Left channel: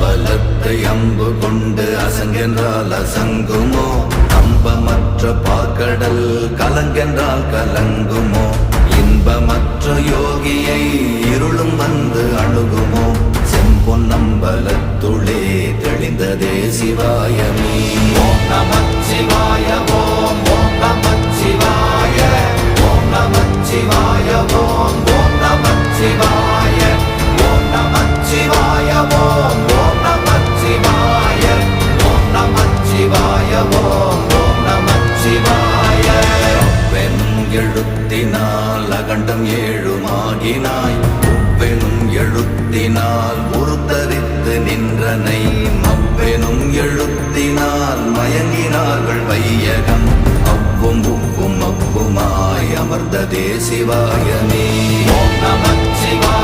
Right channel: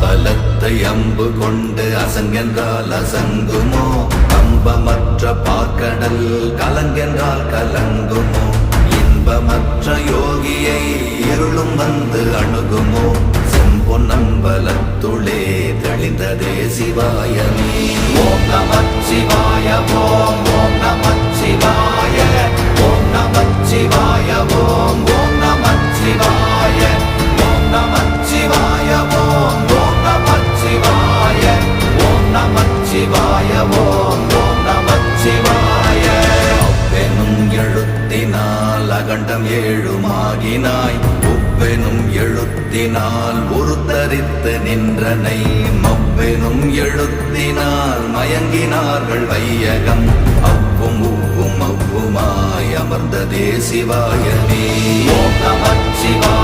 அம்பலத்தை அம்பு கொண்டு அசங்கென்றால் அசங்குமோ? கம்பமற்ற பார்க்கடல் கலங்கென்றால் கலங்குமோ? இன்பமற்ற யோகியை இருளும் வந்து அணுகுமோ? செம்பொன்னம்பலத்துளே தெளிந்ததே சிவாயமே. ஓம் நமச்சிவாய ஓம் ஓம் நமச்சிவாய ஓம் நமச்சிவாய ஓம் ஓம் நமச்சிவாய ஓம் நமச்சிவாய ஓம் ஓம் நமச்சிவாய ஓம் நமச்சிவாய ஓம் ஓம் நமச்சிவாய. அவ்வெனும் எழுத்தினால் அகண்டம் ஏழுமாகினாய், உவ்வெனும் எழுத்தினால் உருத்தரித்து நின்றனை, மவ்வெனும் எழுத்தினால் மயங்கினார்கள் வையகம், அவ்வும் உவ்வும் அவ்வுமாய் அமர்ந்ததே சிவாயமே. ஓம் நமச்சிவாய